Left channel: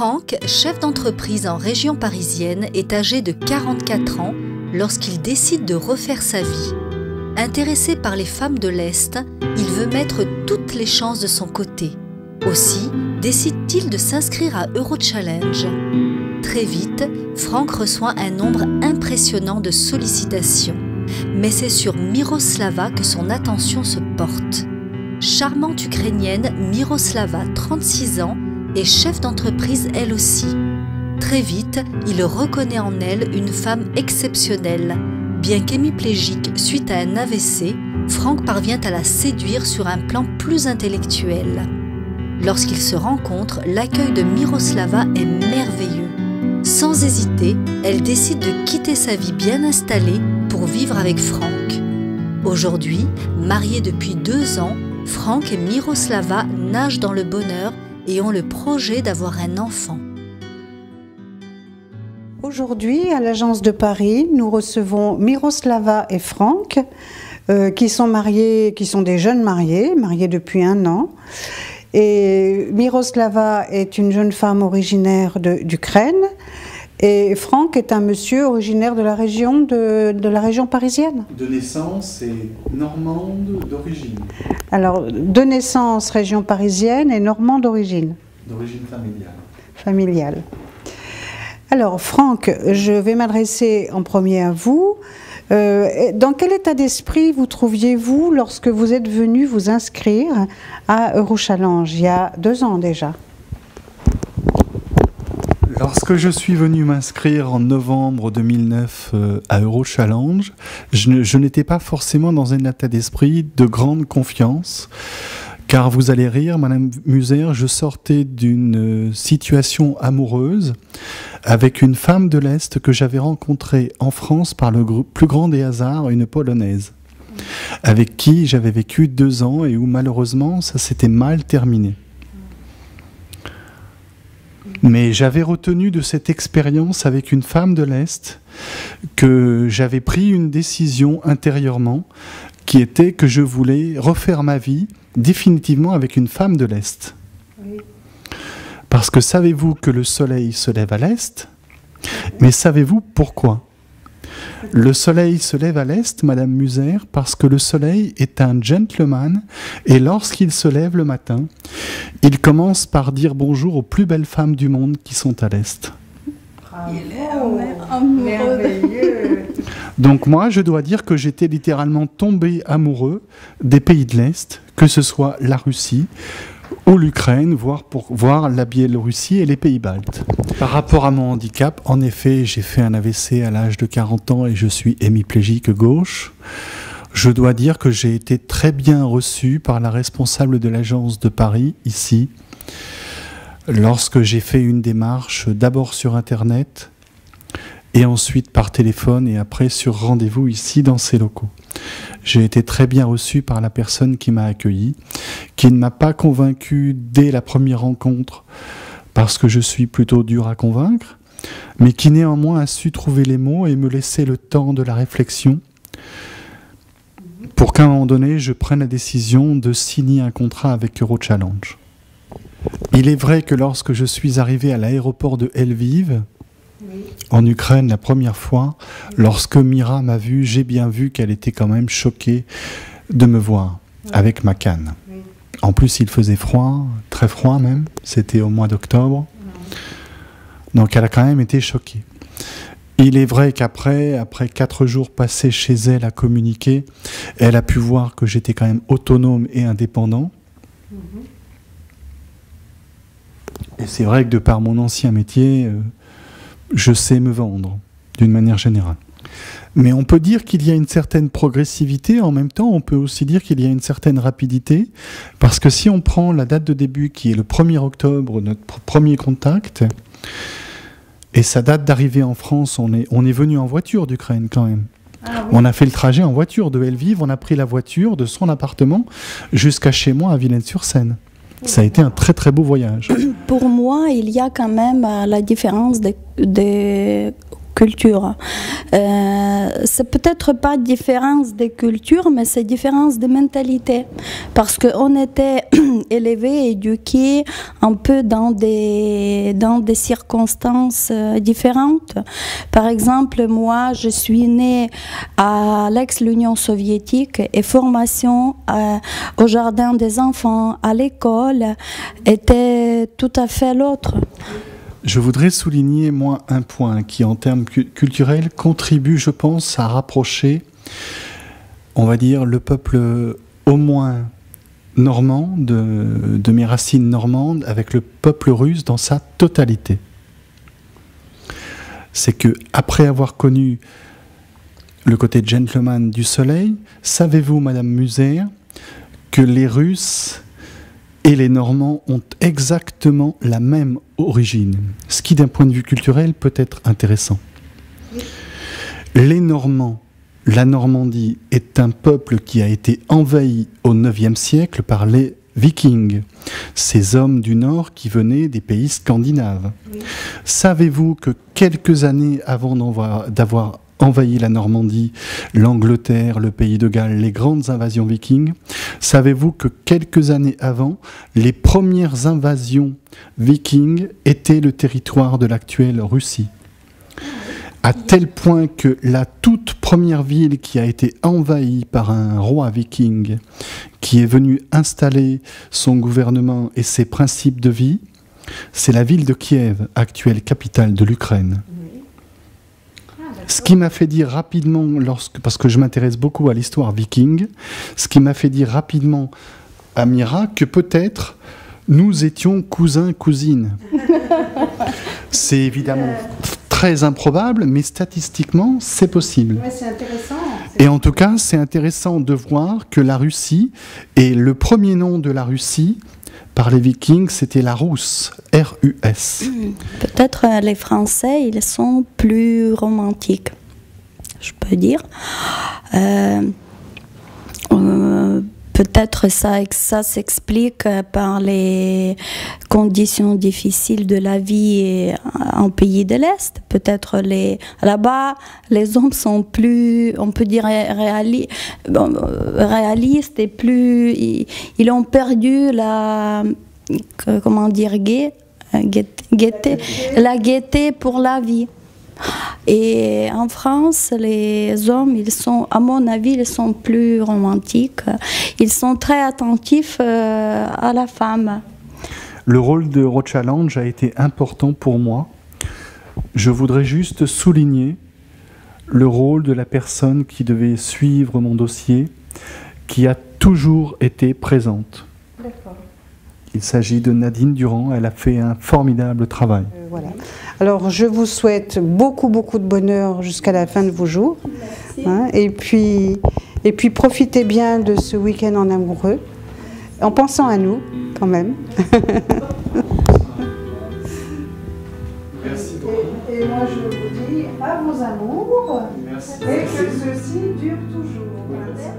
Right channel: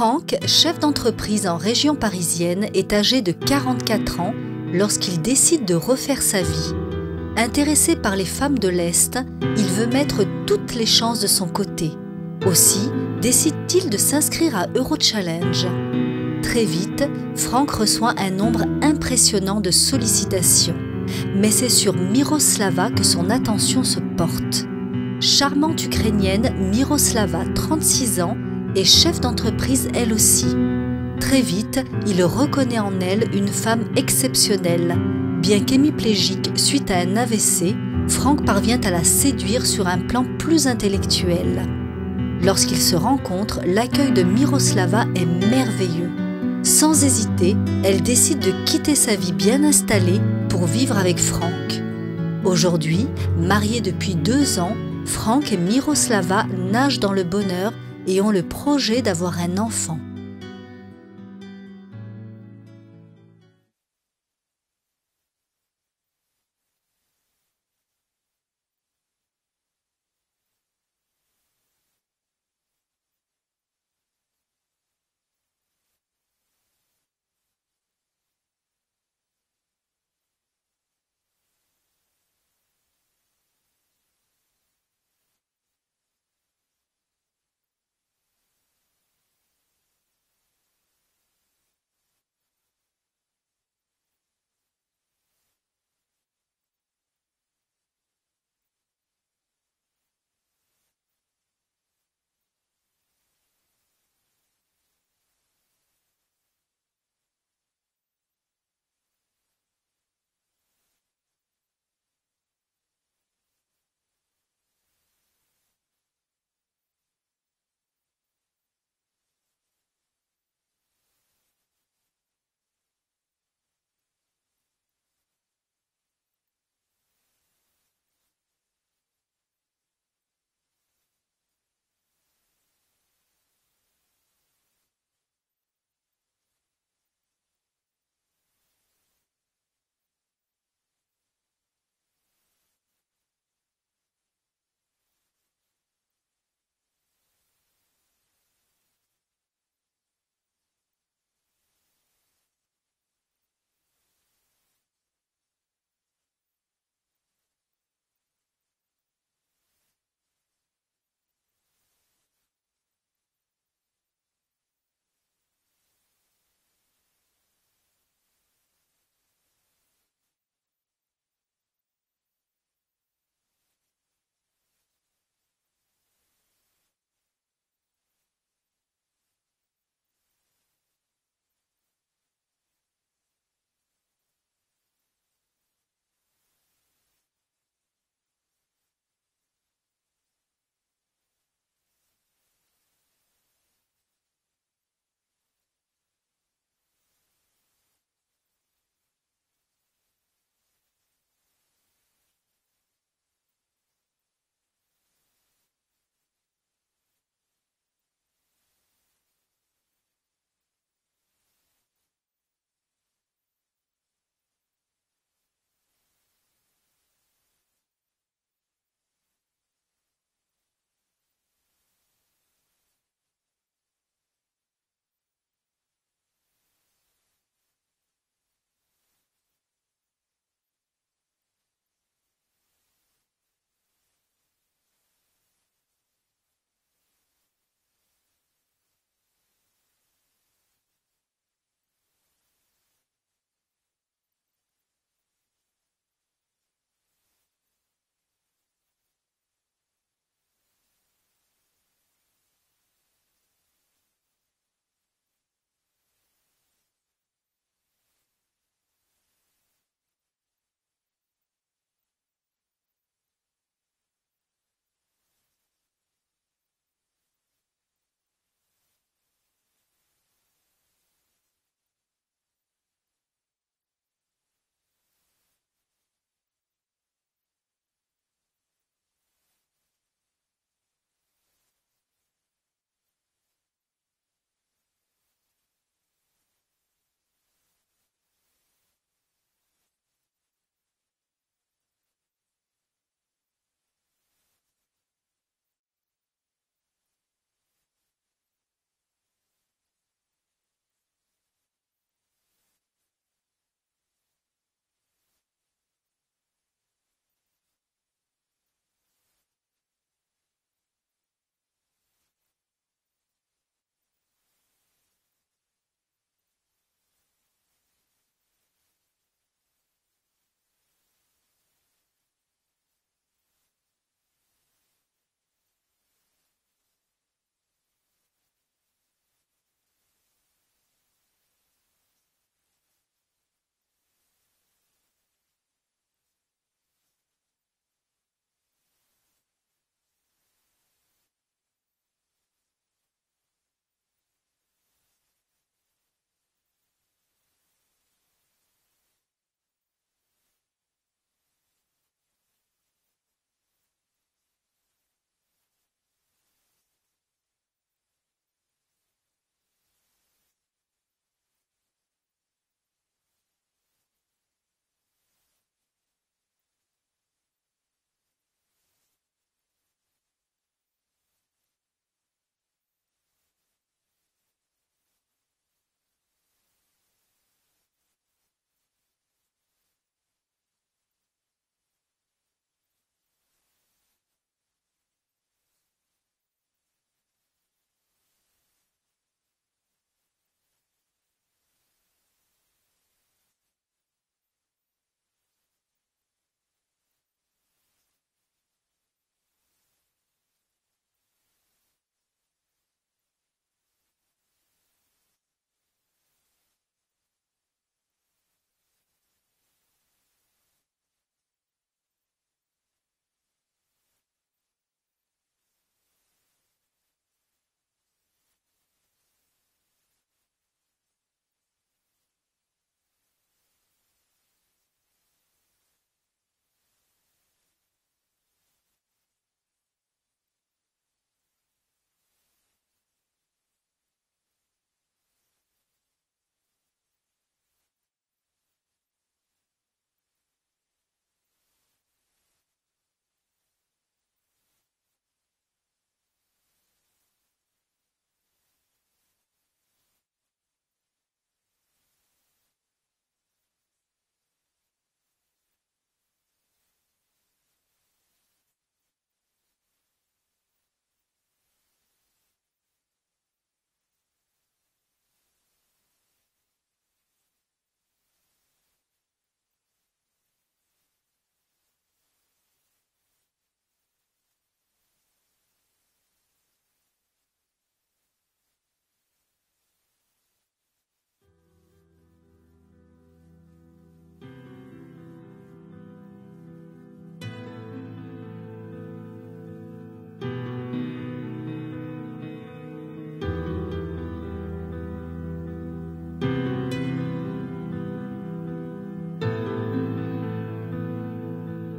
Franck, chef d'entreprise en région parisienne, est âgé de 44 ans lorsqu'il décide de refaire sa vie. Intéressé par les femmes de l'Est, il veut mettre toutes les chances de son côté. Aussi, décide-t-il de s'inscrire à Eurochallenge. Très vite, Franck reçoit un nombre impressionnant de sollicitations. Mais c'est sur Miroslava que son attention se porte. Charmante Ukrainienne, Miroslava, 36 ans, est chef d'entreprise elle aussi. Très vite, il reconnaît en elle une femme exceptionnelle. Bien qu'hémiplégique suite à un AVC, Franck parvient à la séduire sur un plan plus intellectuel. Lorsqu'ils se rencontrent, l'accueil de Miroslava est merveilleux. Sans hésiter, elle décide de quitter sa vie bien installée pour vivre avec Franck. Aujourd'hui, mariés depuis 2 ans, Franck et Miroslava nagent dans le bonheur et ont le projet d'avoir un enfant. Aujourd'hui, à l'Agence de Paris, nous recevons Miroslava et Franck, qui sont mariés, qui sont des jeunes mariés depuis 1 an. Et Miroslava est une jeune femme originaire d'Ukraine, et Franck est un monsieur originaire de la région parisienne. De naissance et normande d'origine. Alors, de naissance région parisienne et normande d'origine. D'origine familiale. Familiale. Alors, Franck, je vais m'adresser en premier à vous. Dans quel état d'esprit vous trouviez-vous lorsque vous êtes venu vous inscrire à Eurochallenge, il y a 2 ans déjà? Lorsque je suis venu m'inscrire en novembre 2009 à Eurochallenge, je n'étais pas forcément dans un état d'esprit de grande confiance, car vous allez rire, Madame Muser, je sortais d'une situation amoureuse avec une femme de l'Est que j'avais rencontrée en France par le plus grand des hasards, une Polonaise, avec qui j'avais vécu 2 ans et où malheureusement ça s'était mal terminé. Mais j'avais retenu de cette expérience avec une femme de l'Est que j'avais pris une décision intérieurement qui était que je voulais refaire ma vie définitivement avec une femme de l'Est. Oui. Parce que savez-vous que le soleil se lève à l'Est? Mais savez-vous pourquoi? Le soleil se lève à l'Est, Madame Muser, parce que le soleil est un gentleman et lorsqu'il se lève le matin, il commence par dire bonjour aux plus belles femmes du monde qui sont à l'Est. Il est merveilleux. Donc moi, je dois dire que j'étais littéralement tombé amoureux des pays de l'Est, que ce soit la Russie ou l'Ukraine, voire pour voir la Biélorussie et les pays baltes. Par rapport à mon handicap, en effet, j'ai fait un AVC à l'âge de 40 ans et je suis hémiplégique gauche. Je dois dire que j'ai été très bien reçu par la responsable de l'Agence de Paris, ici, lorsque j'ai fait une démarche d'abord sur Internet et ensuite par téléphone et après sur rendez-vous ici dans ces locaux. J'ai été très bien reçu par la personne qui m'a accueilli, qui ne m'a pas convaincu dès la première rencontre parce que je suis plutôt dur à convaincre, mais qui néanmoins a su trouver les mots et me laisser le temps de la réflexion pour qu'à un moment donné, je prenne la décision de signer un contrat avec Eurochallenge. Il est vrai que lorsque je suis arrivé à l'aéroport de Lviv, en Ukraine, la première fois, lorsque Mira m'a vu, j'ai bien vu qu'elle était quand même choquée de me voir avec ma canne. En plus, il faisait froid, très froid même, c'était au mois d'octobre. Donc elle a quand même été choquée. Il est vrai qu'après, après 4 jours passés chez elle à communiquer, elle a pu voir que j'étais quand même autonome et indépendant. Et c'est vrai que de par mon ancien métier, je sais me vendre, d'une manière générale. Mais on peut dire qu'il y a une certaine progressivité, en même temps, on peut aussi dire qu'il y a une certaine rapidité, parce que si on prend la date de début, qui est le 1er octobre, notre premier contact, et sa date d'arrivée en France, on est venu en voiture d'Ukraine quand même. Ah, oui. On a fait le trajet en voiture de Lviv, on a pris la voiture de son appartement jusqu'à chez moi à Villennes-sur-Seine. Ça a été un très très beau voyage. Pour moi, il y a quand même la différence que culture. C'est peut-être pas différence des cultures, mais c'est différence de mentalité. Parce qu'on était élevés, éduqués un peu dans des circonstances différentes. Par exemple, moi, je suis née à l'ex-Union soviétique et formation au jardin des enfants, à l'école, était tout à fait l'autre. Je voudrais souligner, moi, un point qui, en termes culturels, contribue, je pense, à rapprocher, on va dire, le peuple au moins normand, de mes racines normandes, avec le peuple russe dans sa totalité. C'est que, après avoir connu le côté gentleman du soleil, savez-vous, Madame Muser, que les Russes et les Normands ont exactement la même origine, ce qui d'un point de vue culturel peut être intéressant. Les Normands, la Normandie est un peuple qui a été envahi au IXe siècle par les Vikings, ces hommes du Nord qui venaient des pays scandinaves. Oui. Savez-vous que quelques années avant d'avoir envahi la Normandie, l'Angleterre, le pays de Galles, les grandes invasions vikings, savez-vous que quelques années avant, les premières invasions vikings étaient le territoire de l'actuelle Russie? À tel point que la toute première ville qui a été envahie par un roi viking, qui est venu installer son gouvernement et ses principes de vie, c'est la ville de Kiev, actuelle capitale de l'Ukraine. Ce qui m'a fait dire rapidement, parce que je m'intéresse beaucoup à l'histoire viking, ce qui m'a fait dire rapidement à Mira que peut-être nous étions cousins-cousines. C'est évidemment très improbable, mais statistiquement, c'est possible. Ouais, c'est intéressant. Et en tout cas, c'est intéressant de voir que la Russie, et le premier nom de la Russie, par les Vikings, c'était la Rousse, R-U-S. Peut-être les Français, ils sont plus romantiques, je peux dire. Peut-être ça s'explique par les conditions difficiles de la vie en pays de l'Est. Peut-être là-bas, les hommes sont plus, on peut dire, réalistes et plus... Ils ont perdu la... Comment dire, la gaieté pour la vie. Et en France, les hommes, ils sont, à mon avis, ils sont plus romantiques. Ils sont très attentifs à la femme. Le rôle de Rochallenge a été important pour moi. Je voudrais juste souligner le rôle de la personne qui devait suivre mon dossier, qui a toujours été présente. D'accord. Il s'agit de Nadine Durand, elle a fait un formidable travail. Voilà. Alors je vous souhaite beaucoup de bonheur jusqu'à la fin de vos jours. Hein, et puis profitez bien de ce week-end en amoureux, en pensant à nous quand même. Merci. Et moi je vous dis à vos amours. Merci. Et que ceci dure toujours. Merci.